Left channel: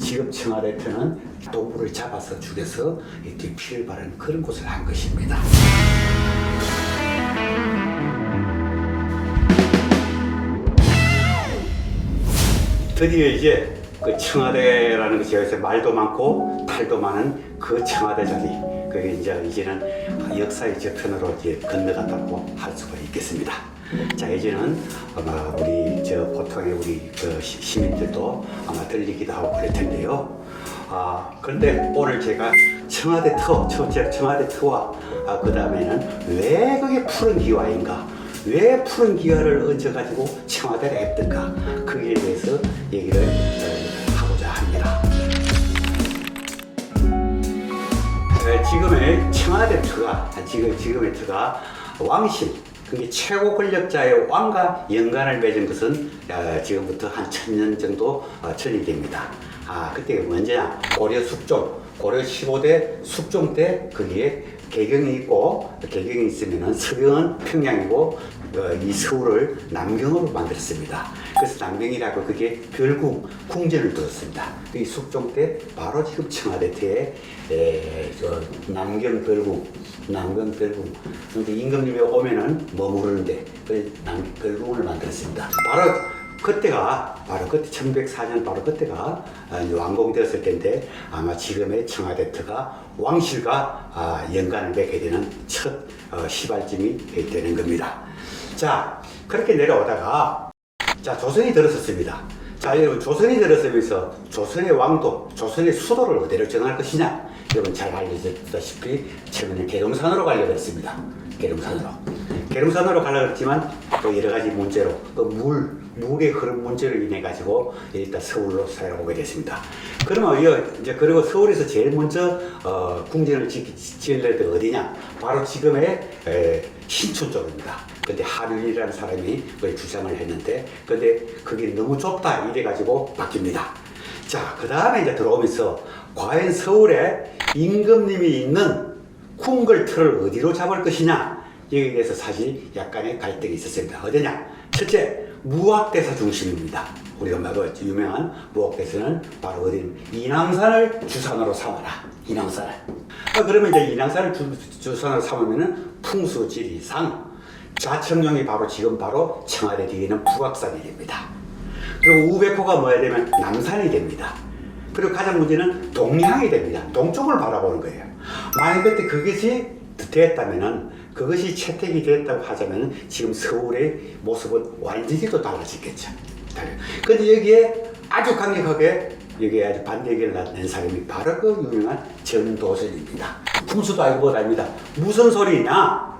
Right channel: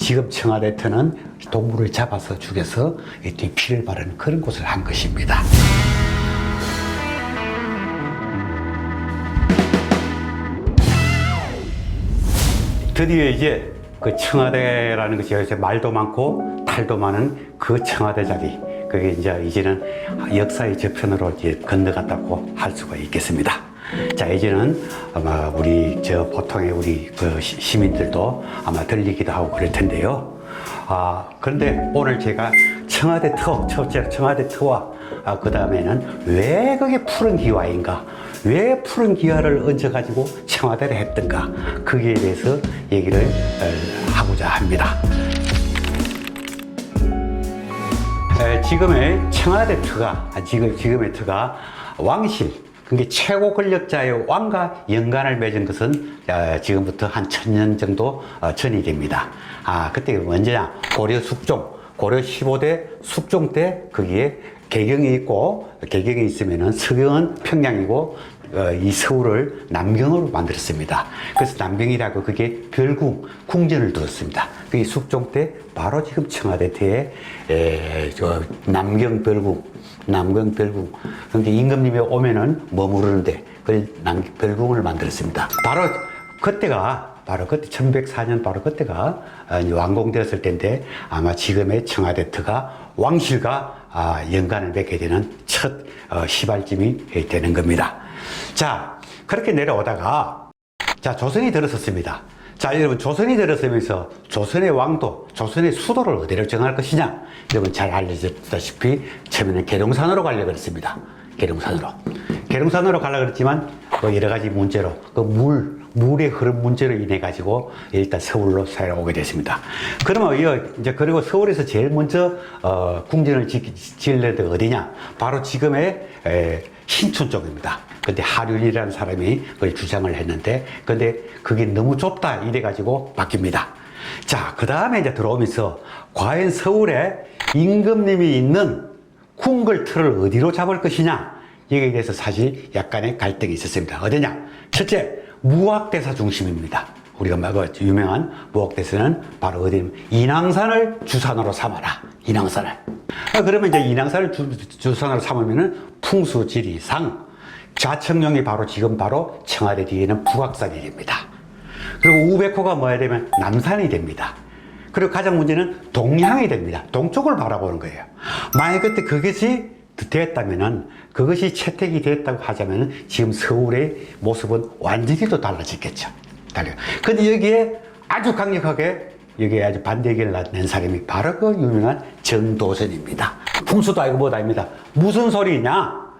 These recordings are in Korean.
지금 청와대터는 동물을 잡아서 죽여서 피를 바르는 그런 곳을 한 것입니다. 드디어 이제 그 청와대라는 것이 여기서 말도 많고 탈도 많은 그 청와대 자리, 그게 이제는 역사의 저편으로 이제 건너갔다고 할 수가 있겠습니다. 자, 이제는 아마 보통의 우리 그 시민들도 아마 들리기도 하고 그럴 텐데요. 그런데 오늘 제가 청와대 터와 그 다음에는 왜 그게 푸른 기와인가, 왜 푸른 기와를 얹어가지고 청와대를 했던가, 거기에 대해서 얘기를 하고자 합니다. 지금의 청와대 지금의 터가 왕실, 그게 최고 권력자의 왕과 연관을 맺은 것은 지금부터 한 1000년 정도 전이 됩니다. 그때 언제냐? 고려 15대 숙종 때 거기에 개경이 있고, 개경이 있으면은 서경은 평양이고, 이 서울을 남경으로 만들었습니다. 그래서 남경이라고 그게 궁전을 두었습니다. 그게 숙종 때 바로 지금 청와대태에 남경별궁. 그런데 임금님이 오면은 머무르는데 그 별궁을 만들었습니다. 그때 1104년 바로 그때가 완공되었을 텐데, 아마 지금의 청와대터가 왕실과 연관을 맺게 되는 첫 시발점이 되는 겁니다. 자, 그렇게 내려오다가 조선이 들었었습니다. 자, 여러분, 조선이 들어서면서 조선의 왕도, 조선의 수도를 어디로 정할 것이냐? 여러분 잘 알려졌다시피 처음에는 계룡산으로 가려고 했습니다. 계룡산으로 가려고 했지만 여러 가지 문제로, 물의 흐름 문제로 인해 가지고 일단 서울로 살아오게 됐습니다. 그러면 그리고 서울에서 제일 먼저 궁전을 지으려는 데가 어디냐? 바로 지금의 신촌 쪽입니다. 근데 하륜이라는 사람이 그걸 주장을 했는데, 근데 그게 너무 좁다 이래 가지고 바뀝니다. 자, 그 다음에 이제 들어오면서 과연 서울에 임금님이 있는 궁궐터를 어디로 잡을 것이냐, 여기에 대해서 사실 약간의 갈등이 있었습니다. 어디냐? 첫째, 무학대사 중심입니다. 우리가 유명한 무학대사는 바로 어디냐면 인왕산을 주산으로 삼아라. 인왕산을. 그러면 이제 인왕산을 주산으로 삼으면은 풍수지리상 좌청룡이 지금 바로 청와대 뒤에는 북악산이 됩니다. 그리고 우백호가 뭐야 되면 남산이 됩니다. 그리고 가장 문제는 동향이 됩니다. 동쪽을 바라보는 거예요. 만약 그때 그것이 됐다면은, 그것이 채택이 됐다고 하자면은 지금 서울의 모습은 완전히 또 달라졌겠죠. 근데 여기에 아주 강력하게 여기에 아주 반대 의견을 낸 사람이 바로 그 유명한 정도전입니다. 풍수도 알고 뭐도 아닙니다. 무슨 소리냐?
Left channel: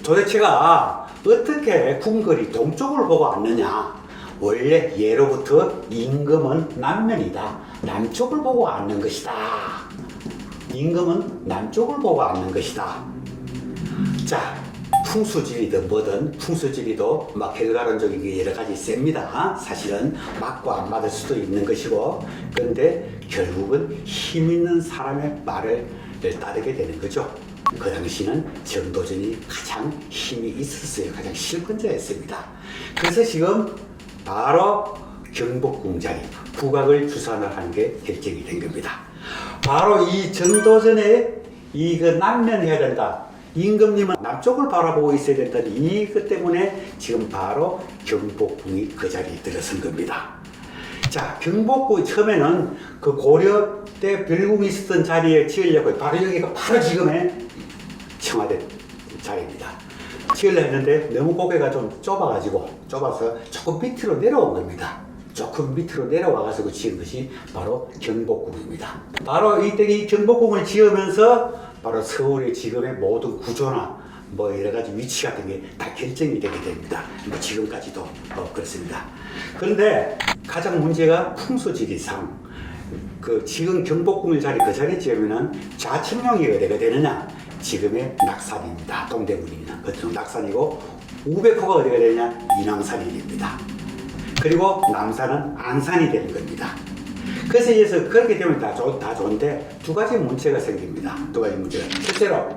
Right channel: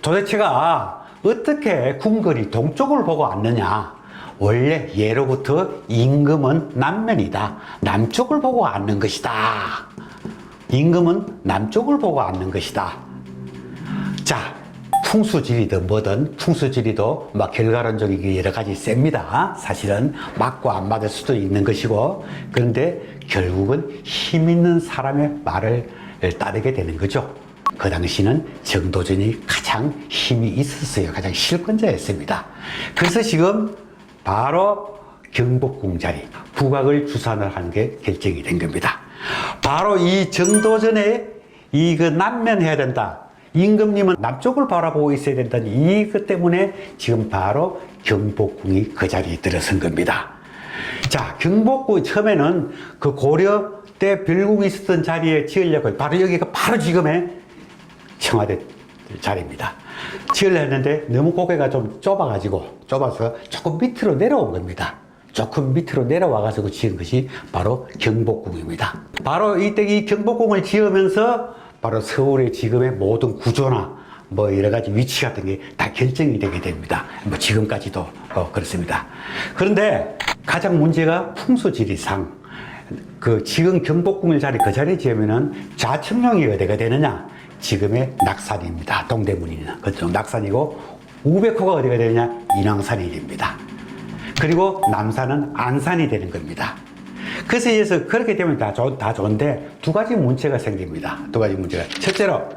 도대체가 어떻게 궁궐이 동쪽을 보고 앉느냐? 원래 예로부터 임금은 남면이다. 남쪽을 보고 앉는 것이다. 임금은 남쪽을 보고 앉는 것이다. 자, 풍수지리도 뭐든, 풍수지리도 결과론적이게 여러 가지 셉니다. 사실은 맞고 안 맞을 수도 있는 것이고, 그런데 결국은 힘 있는 사람의 말을 따르게 되는 거죠. 그 당시는 정도전이 가장 힘이 있었어요. 가장 실권자였습니다. 그래서 지금 바로 경복궁 자리, 북악을 주산을 하는 게 결정이 된 겁니다. 바로 이 정도전에 남면해야 된다. 임금님은 남쪽을 바라보고 있어야 된다는 이것 때문에 지금 바로 경복궁이 그 자리에 들어선 겁니다. 자, 경복궁 처음에는 그 고려 때 별궁이 있었던 자리에 지으려고, 바로 여기가 바로 지금의 청와대 자리입니다. 지으려 했는데 너무 고개가 좀 좁아서 조금 밑으로 내려온 겁니다. 조금 밑으로 내려와가지고 지은 것이 바로 경복궁입니다. 바로 이때 이 경복궁을 지으면서 바로 서울의 지금의 모든 구조나 여러 가지 위치 같은 게 다 결정이 되게 됩니다. 지금까지도 그렇습니다. 그런데 가장 문제가 풍수지리상, 지금 경복궁을 그 자리에 지으면은 좌청룡이 어디가 되느냐? 지금의 낙산입니다. 동대문이나 그쪽 낙산이고, 우백호가 어디가 되느냐? 인왕산이 됩니다. 그리고 남산은 안산이 되는 겁니다. 그래서 이어서 그렇게 되면 다 좋은데 두 가지 문제가 생깁니다. 첫째로,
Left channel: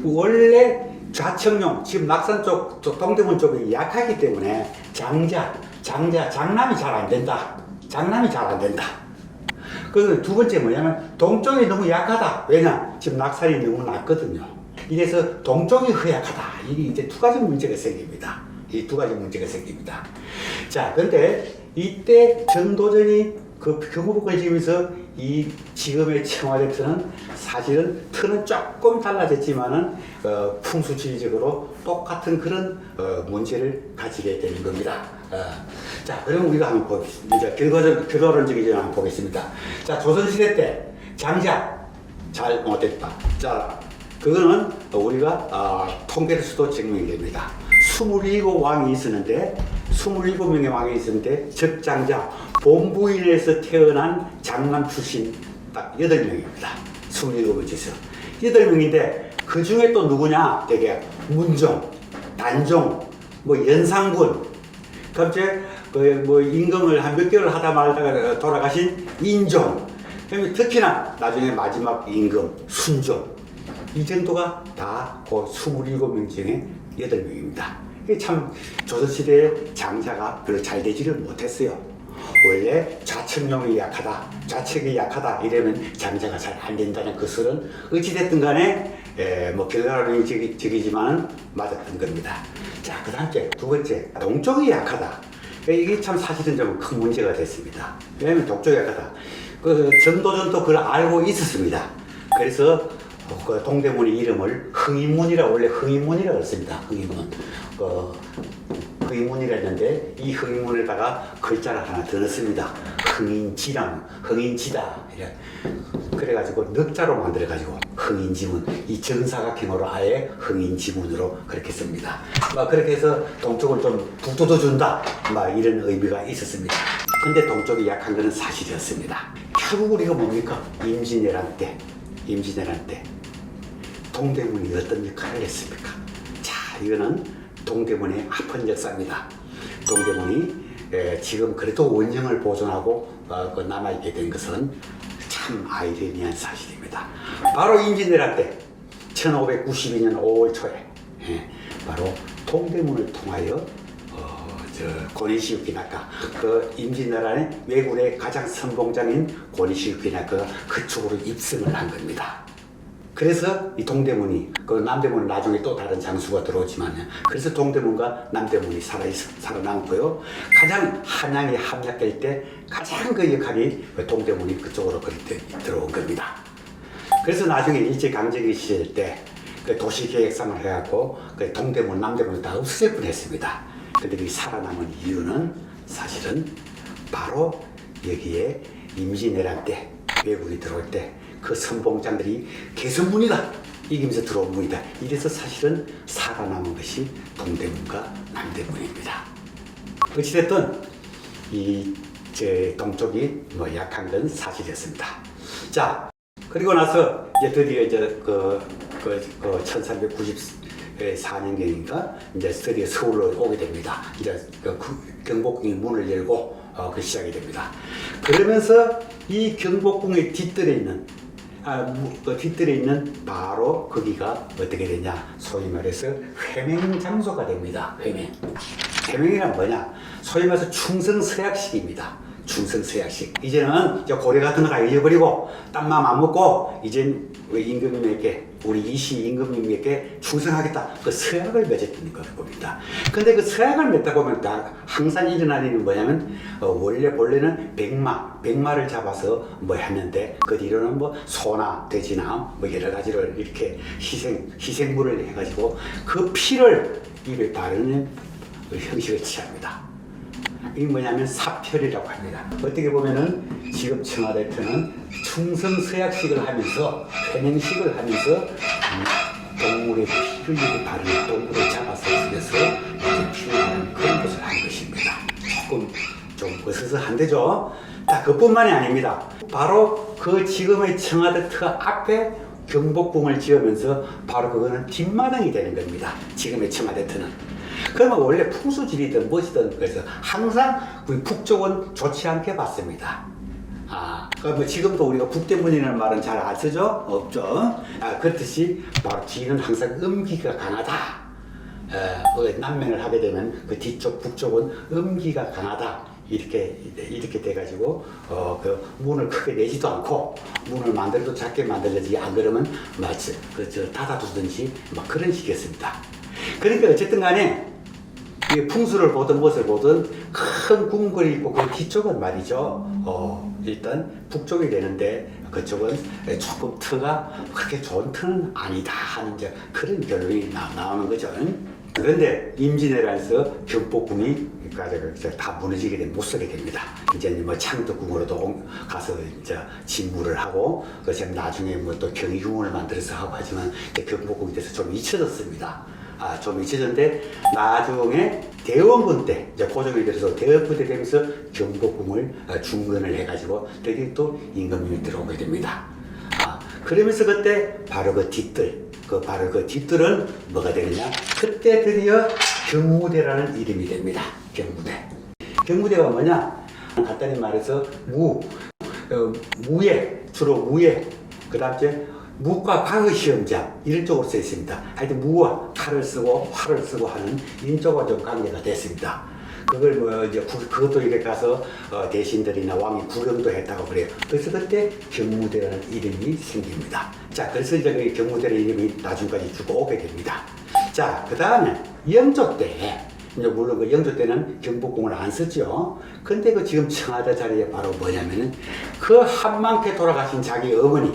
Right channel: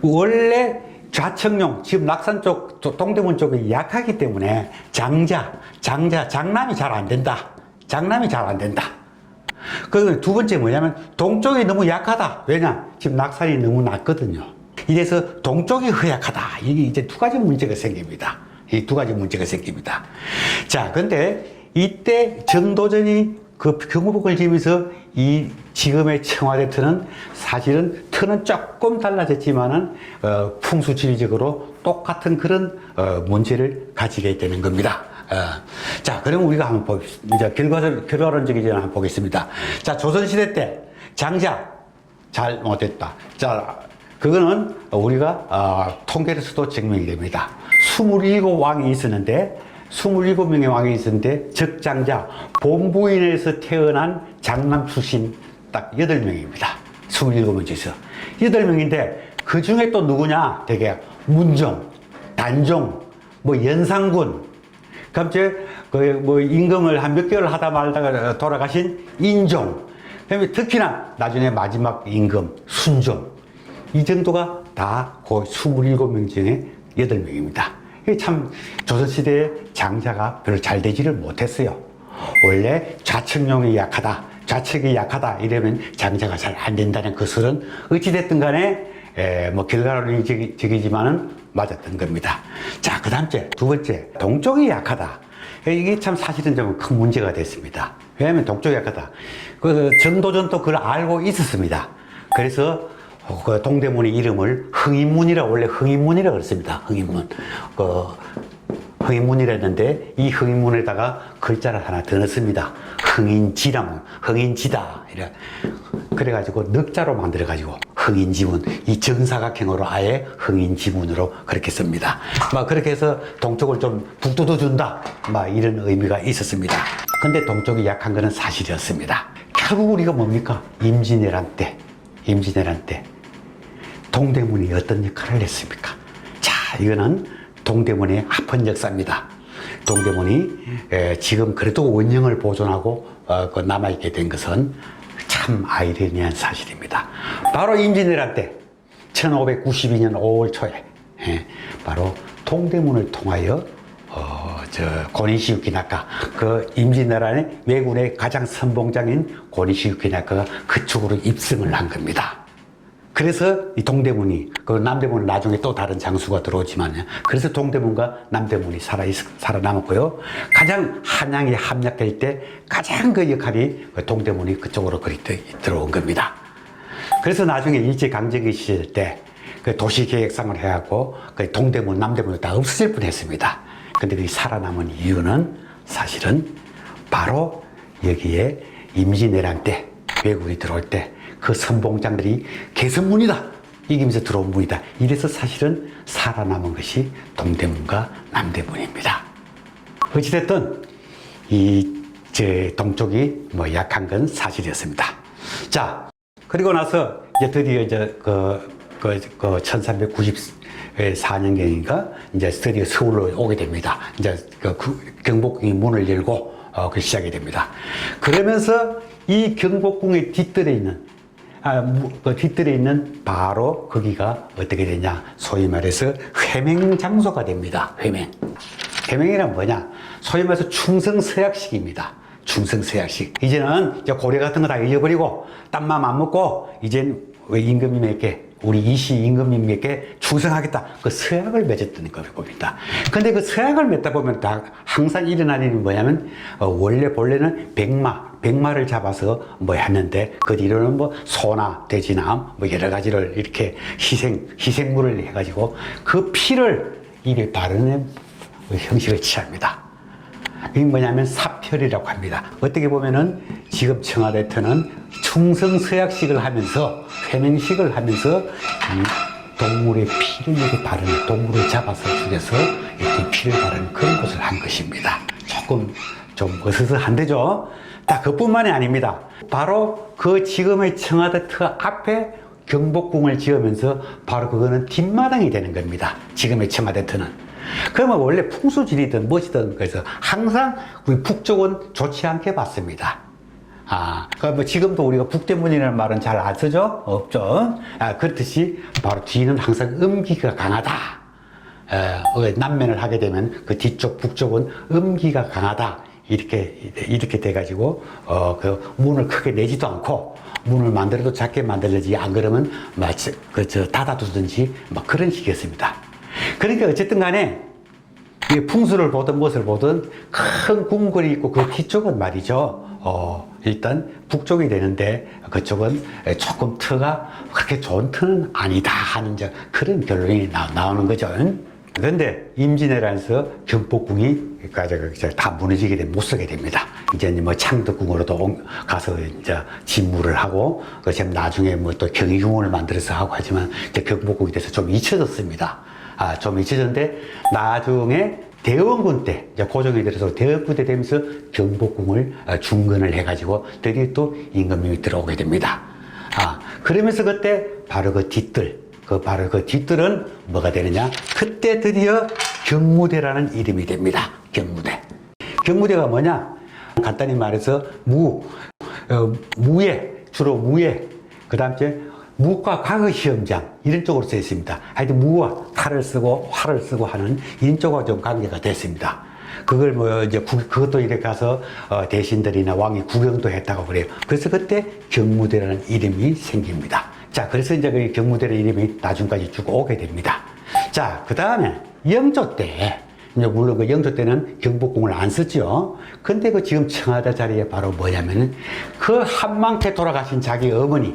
원래 좌청룡, 지금 낙산 쪽, 동대문 쪽이 약하기 때문에 장남이 잘 안 된다. 그 두 번째 뭐냐면 동쪽이 너무 약하다. 왜냐? 지금 낙산이 너무 낮거든요. 이래서 동쪽이 허약하다. 이게 이제 두 가지 문제가 생깁니다. 이 두 가지 문제가 생깁니다. 자, 근데 이때 전도전이 그 경복궁을 지으면서 이 지금의 청와대 터는 사실은 터는 조금 달라졌지만은 풍수지리적으로 똑같은 그런 문제를 가지게 되는 겁니다. 자, 그러면 우리가 한번 봅시다. 이제 결과론적이지 한번 보겠습니다. 자, 조선시대 때 장자 잘 못했다. 자, 그거는 우리가 통계로서도 증명이 됩니다. 27왕이 있었는데 27명의 왕이 있었는데 적장자 본부인에서 태어난 장남 출신 딱 8명입니다. 27명 중에서 8명인데 그 중에 또 누구냐? 되게 문종, 단종, 뭐 연산군, 갑자기 뭐 임금을 한 몇 개월 하다 말다가 돌아가신 인종, 그다음에 특히나 나중에 마지막 임금 순종, 이 정도가 다 그 27명 중에 8명입니다. 참 조선시대의 장자가 별로 잘 되지를 못했어요. 원래 좌측용이 약하다, 좌측이 약하다 이러면 장자가 잘 안 된다는 것은 어찌됐든 간에 뭐 결과론적이지만은 맞았던 겁니다. 자, 그 다음째 두 번째, 동쪽이 약하다. 이게 참 사실은 좀 큰 문제가 됐습니다. 왜냐하면 동쪽이 약하다. 그 전도전도 그걸 알고 있었습니다. 그래서 그 동대문의 이름을 흥인문이라, 원래 흥인문이라 그랬습니다. 흥인문. 흥인문이라 했는데 이 흥인문에다가 글자를 하나 더 넣습니다. 흥인지랑, 흥인지다. 이래. 그래가지고 넉자로 만들어가지고 흥인지문, 이 정사각형으로 아예 흥인지문으로 그렇게 씁니다. 막 그렇게 해서 동쪽을 좀 북돋워 준다, 막 이런 의미가 있었습니다. 근데 동쪽이 약한 것은 사실이었습니다. 결국 우리가 뭡니까? 임진왜란 때 동대문이 어떤 역할을 했습니까? 자, 이거는 동대문의 아픈 역사입니다. 동대문이 지금 그래도 원형을 보존하고 남아있게 된 것은 참 아이러니한 사실입니다. 바로 임진왜란 때 1592년 5월 초에 바로 동대문을 통하여 고니시유키나카, 그 임진왜란의 왜군의 가장 선봉장인 고니시유키나카가 그쪽으로 입성을 한 겁니다. 그래서 이 동대문이, 그 남대문은 나중에 또 다른 장수가 들어오지만, 그래서 동대문과 남대문이 살아남았고요. 가장 한양이 함락될 때 가장 그 역할이 동대문이 그쪽으로 들어온 겁니다. 그래서 나중에 일제강점기 시절 때 그 도시계획상을 해갖고 그 동대문, 남대문을 다 없어질 뻔했습니다. 근데 그 살아남은 이유는 사실은 바로 여기에 임진왜란 때 왜군이 들어올 때 그 선봉장들이 개성문이다, 이기면서 들어온 문이다, 이래서 사실은 살아남은 것이 동대문과 남대문입니다. 어찌됐든 동쪽이 뭐 약한 건 사실이었습니다. 자, 그리고 나서 이제 드디어 이제 1394년경이니까 이제 드디어 서울로 오게 됩니다. 이제 경복궁이 문을 열고 그 시작이 됩니다. 그러면서 이 경복궁의 뒷뜰에 있는 바로 거기가 어떻게 되냐, 소위 말해서 회맹 장소가 됩니다. 회맹이란 뭐냐, 소위 말해서 충성서약식입니다. 충성서약식. 이제는 고려 같은 거 다 잊어버리고 딴맘 안 먹고 이젠 임금님에게, 우리 이시 임금님에게 충성하겠다, 그 서약을 맺었던 겁니다. 근데 그 서약을 맺다 보면 다 항상 일어나는 일은 뭐냐면 원래 본래는 백마를 잡아서 뭐 했는데 그 뒤로는 뭐 소나 돼지나 뭐 여러 가지를 이렇게 희생물을 해가지고 그 피를 입에 바르는 형식을 취합니다. 이게 뭐냐면 사표리라고 합니다. 어떻게 보면은 지금 청와대터는 충성서약식을 하면서, 회맹식을 하면서 이 동물의 피를 이렇게 바르는, 동물을 잡아서 죽여서 이렇게 피를 바르는 그런 것을 한 것입니다. 조금 좀 어스스한데죠. 자, 그뿐만이 아닙니다. 바로 그 지금의 청와대터 앞에 경복궁을 지으면서 바로 그거는 뒷마당이 되는 겁니다. 지금의 청와대터는. 그러면 원래 풍수지리든 무엇이든 그래서 항상 우리 북쪽은 좋지 않게 봤습니다. 뭐 지금도 우리가 북대문이라는 말은 잘 안 쓰죠? 없죠? 그렇듯이 바로 뒤는 항상 음기가 강하다. 남면을 하게 되면 그 뒤쪽 북쪽은 음기가 강하다, 이렇게 돼가지고 그 문을 크게 내지도 않고 문을 만들어도 작게 만들지 안 그러면 마치 그저 닫아두든지 막 그런 식이었습니다. 그러니까 어쨌든 간에 이 풍수를 보든 무엇을 보든 큰 궁궐이 있고 그 뒤쪽은 말이죠. 일단 북쪽이 되는데 그쪽은 조금 터가 그렇게 좋은 터는 아니다 하는 그런 결론이 나오는 거죠. 그런데 임진왜란에서 경복궁이 다 무너지게 못 쓰게 됩니다. 이제 뭐 창덕궁으로도 가서 이제 진무를 하고, 지금 나중에 뭐 또 경희궁을 만들어서 하고 하지만 이제 경복궁이 돼서 좀 잊혀졌습니다. 좀 잊혀졌는데 나중에 대원군 때 이제 고종이 들어서 대원군 때 되면서 경복궁을 중건을 해가지고 드디어 또 임금님이 들어오게 됩니다. 그러면서 그때 바로 그 뒤뜰. 바로 그 뒤뜰은 뭐가 되느냐? 그때 드디어 경무대라는 이름이 됩니다. 경무대. 경무대가 뭐냐? 간단히 말해서 무예, 주로 무예, 그 다음에 무과 과거 시험장 이런 쪽으로 쓰여 있습니다. 하여튼 무와 칼을 쓰고 활을 쓰고 하는 인쪽과 좀 관계가 됐습니다. 그걸 뭐 이제 그것도 이렇게 가서 대신들이나 왕이 구경도 했다고 그래요. 그래서 그때 경무대라는 이름이 생깁니다. 자, 그래서 이제 그 경무대라는 이름이 나중까지 쭉 오게 됩니다. 자, 그 다음에 영조 때, 물론 그 영조 때는 경복궁을 안 썼죠. 근데 그 지금 청와대 자리에 바로 뭐냐면은 그 한만케 돌아가신 자기 어머니,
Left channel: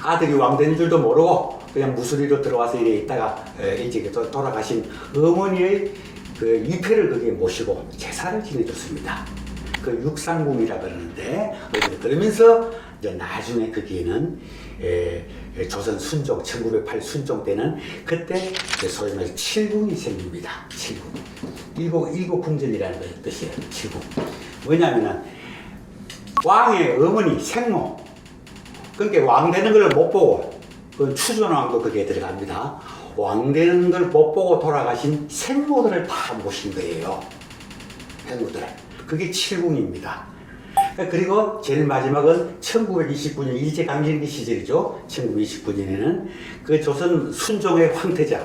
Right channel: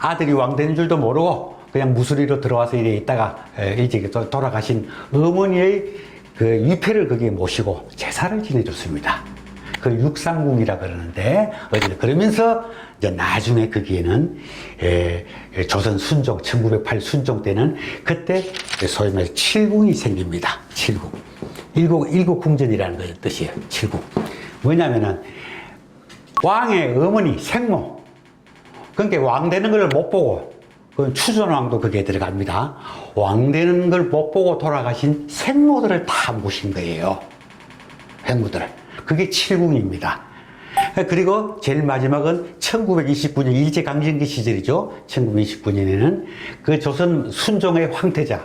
아들이 왕 된 줄도 모르고 그냥 무수리로 들어와서 이래 있다가 일찍 돌아가신 어머니의 그 위패를 거기에 모시고 제사를 지내줬습니다. 그 육상궁이라 그러는데, 그러면서 이제 나중에 거기에는 조선 순종 1908 순종 때는 그때 소위 말해서 칠궁이 생깁니다. 칠궁. 일곱 궁전이라는 뜻이에요. 칠궁. 뭐냐면은 왕의 어머니 생모. 그러니까 왕 되는 걸 못 보고, 그 추존왕도 거기에 들어갑니다. 왕 되는 걸 못 보고 돌아가신 생모들을 다 모신 거예요. 생모들을. 그게 칠궁입니다. 그리고 제일 마지막은 1929년 일제강점기 시절이죠. 1929년에는 그 조선 순종의 황태자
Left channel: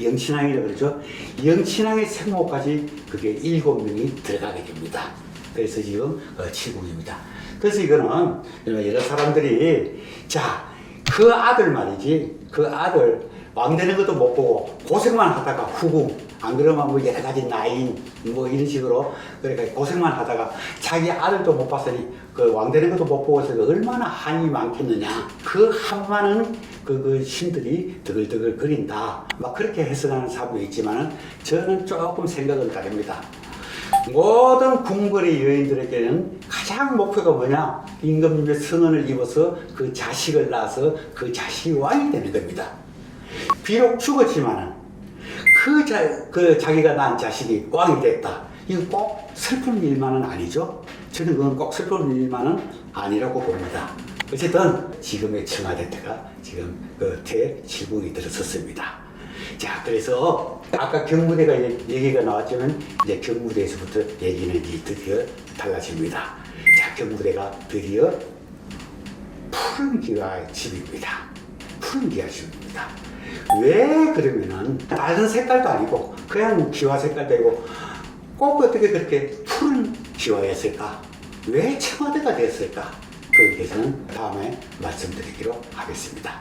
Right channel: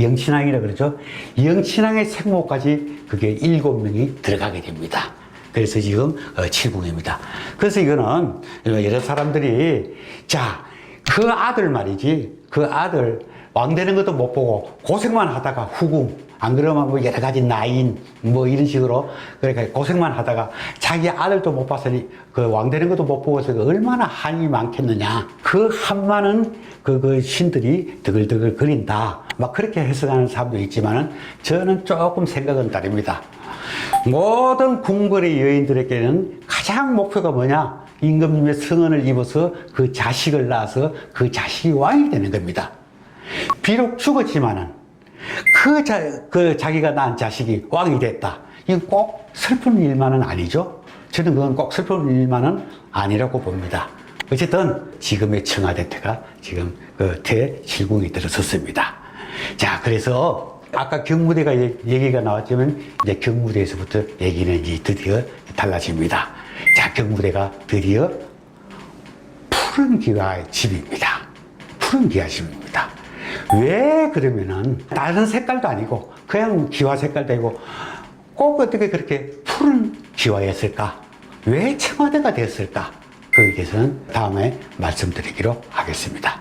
영친왕이라 그러죠. 영친왕의 생모까지 그게 7명이 들어가게 됩니다. 그래서 지금 칠궁입니다. 그래서 이거는 여러 사람들이 자, 그 아들 말이지, 그 아들 왕 되는 것도 못 보고 고생만 하다가 후궁, 안 그러면 뭐 여러 가지 나인 뭐 이런 식으로 그러니까 고생만 하다가 자기 아들도 못 봤으니 그 왕 되는 것도 못 보고서 얼마나 한이 많겠느냐. 그 한많은 그 신들이 드글드글 거린다. 막 그렇게 해석하는 사람도 있지만은 저는 조금 생각은 다릅니다. 모든 궁궐의 여인들에게는 가장 목표가 뭐냐? 임금님의 성은을 입어서 그 자식을 낳아서 그 자식이 왕이 되는 겁니다. 비록 죽었지만은 그 자기가 낳은 자식이 왕이 됐다. 이건 꼭 슬픈 일만은 아니죠. 저는 그건 꼭 슬픈 일만은 아니라고 봅니다. 어쨌든 지금의 청와대 때가 지금 그 칠궁이 들어섰습니다. 자, 그래서 아까 경무대가 얘기가 나왔지만 이제 경무대에서부터 얘기는 이제 드디어 달라집니다. 자, 경무대가 드디어 푸른 기와의 집입니다. 푸른 기와 집입니다. 왜 그러면은 다른 색깔도 아니고 그냥 기와 색깔도 아니고 꼭 어떻게 그렇게 푸른 기와였을까? 왜 청와대가 됐을까? 거기에 대해서는 다음에 말씀드리기로 하겠습니다.